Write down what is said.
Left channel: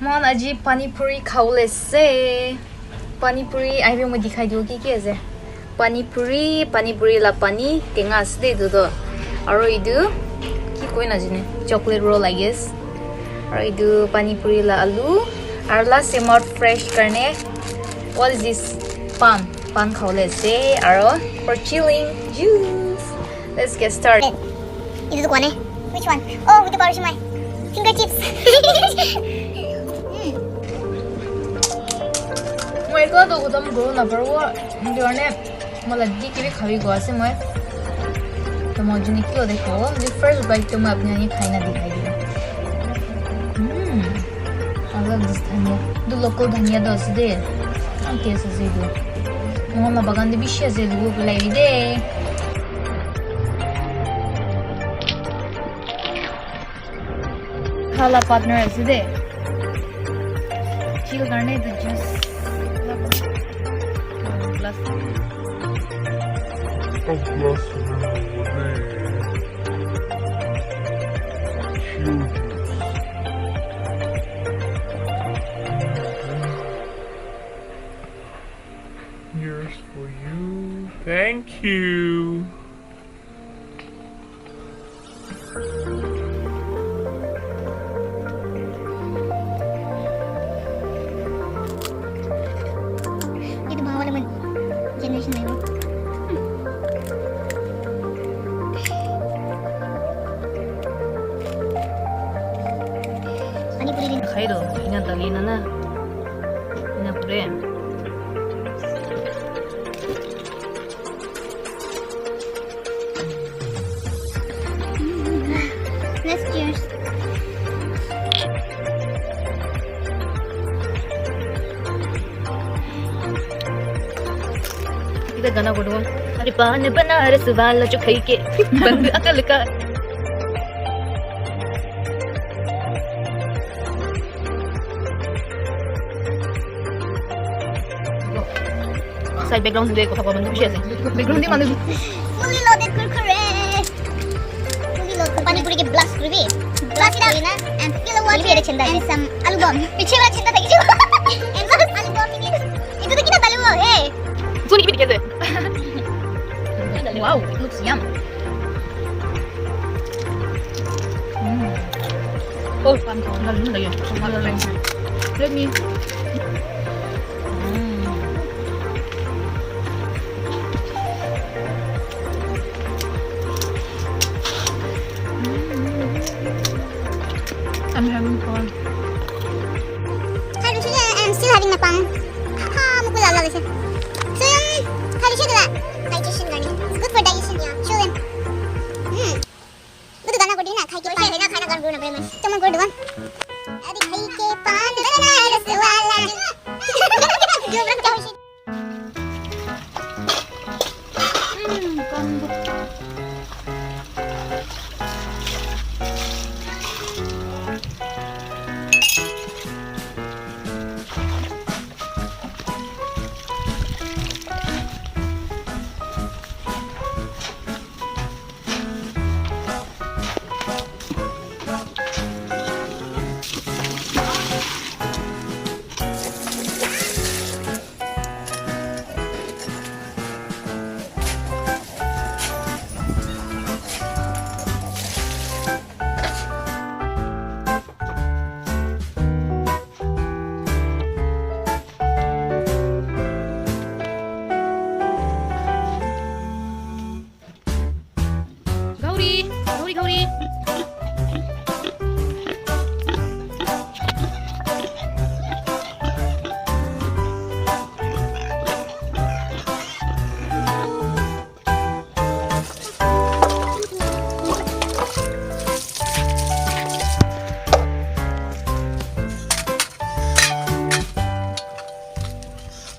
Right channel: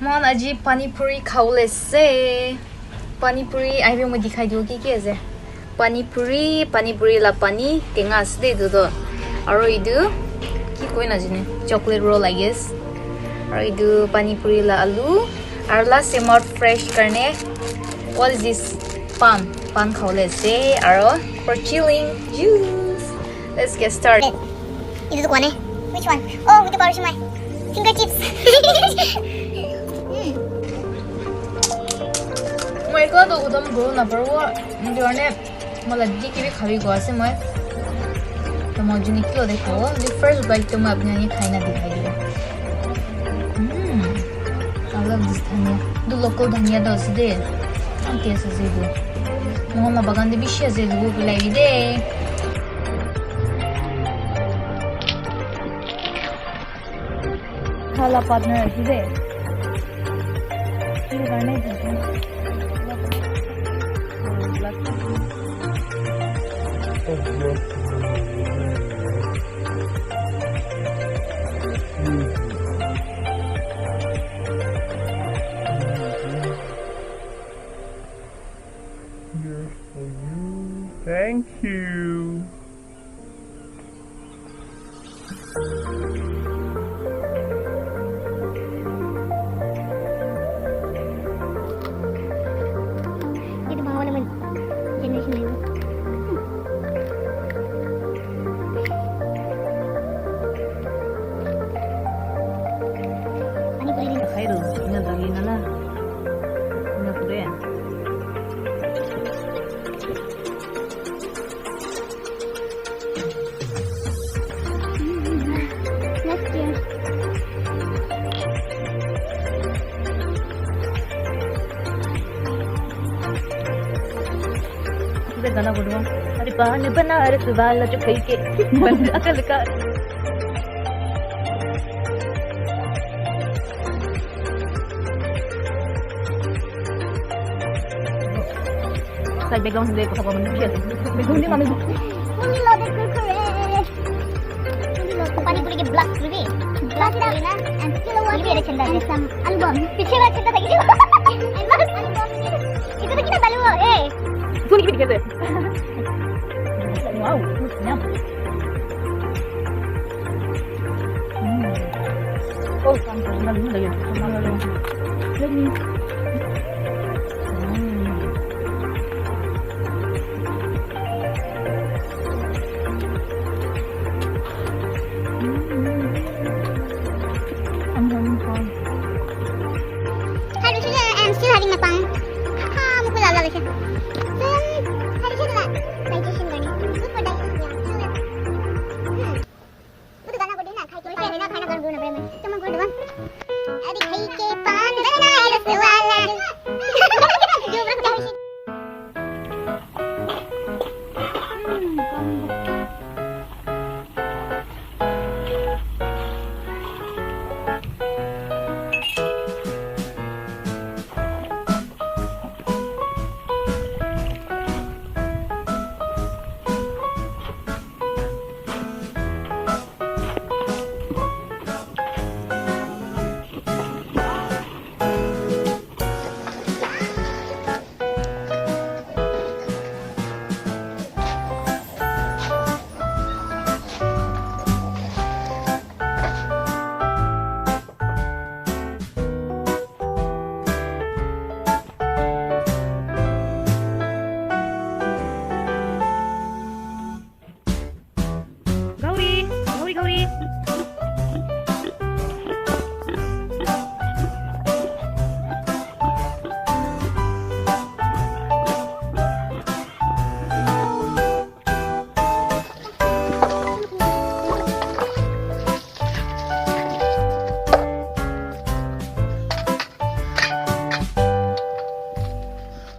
mon aji Panipuri khawle se. Panipuri I will dikhai diu ki ase. Panipuri la pani tenga ase do do. Aro idu ki koi na jine chocolate roll I guess. Aro idu Panipuri la alu. Aro la semot fresh karne. What is this? Pan khawle se. Aro for chilling juice. Let's get started. This is one. Which one? Oh, with the powder my fingertips. मैं का तो उधम गो ना पर वो जोने मतलब दी की भी खावी गो ऐसे मैं तो मौजूद निकलो देखो the first bite तो मैं अपने यहाँ खाई ना दिखाई दिया I love this धनिया दो local धनिया तो ऐसे दे हम कैसे से दो मोहम्मद बागान दे भी शेयर से दो बुलाई दे खाला partner ऐसे दे चिल करने दे juice Here's for you. Thank you. Itu bawa naman generation na yun. Panipuri rin. खाई दो इन्हें दली ना ना इन्हें पूरे Let's cheers. इधर गाना बोलूँ अरे पान बनारस वाला जो खाई के बंद अकल का side background hindi ko sa pamana siya background di manu Fully loaded kurkure. Fully loaded. Panipuri के blast kurbi. Blast kuri na. And fill water. Fully chenda. And some album. पीछे वाला चंदा था किसी. And some album ini. Itu tuh kita tahu. Eh. सुनी की कैसे wow looks yum oh lalu lagi let me I'm having fun. I'm still having napang. Mukul lala siya. So yung digestion na. Digestion gani. It's good for digestion niya. Children. Good gana ko din na. Khai ke pan na khana gan na bremen. Tama ko diwan. Adi khai ke pan bana raswala. Jo bra ta hoise. Gauri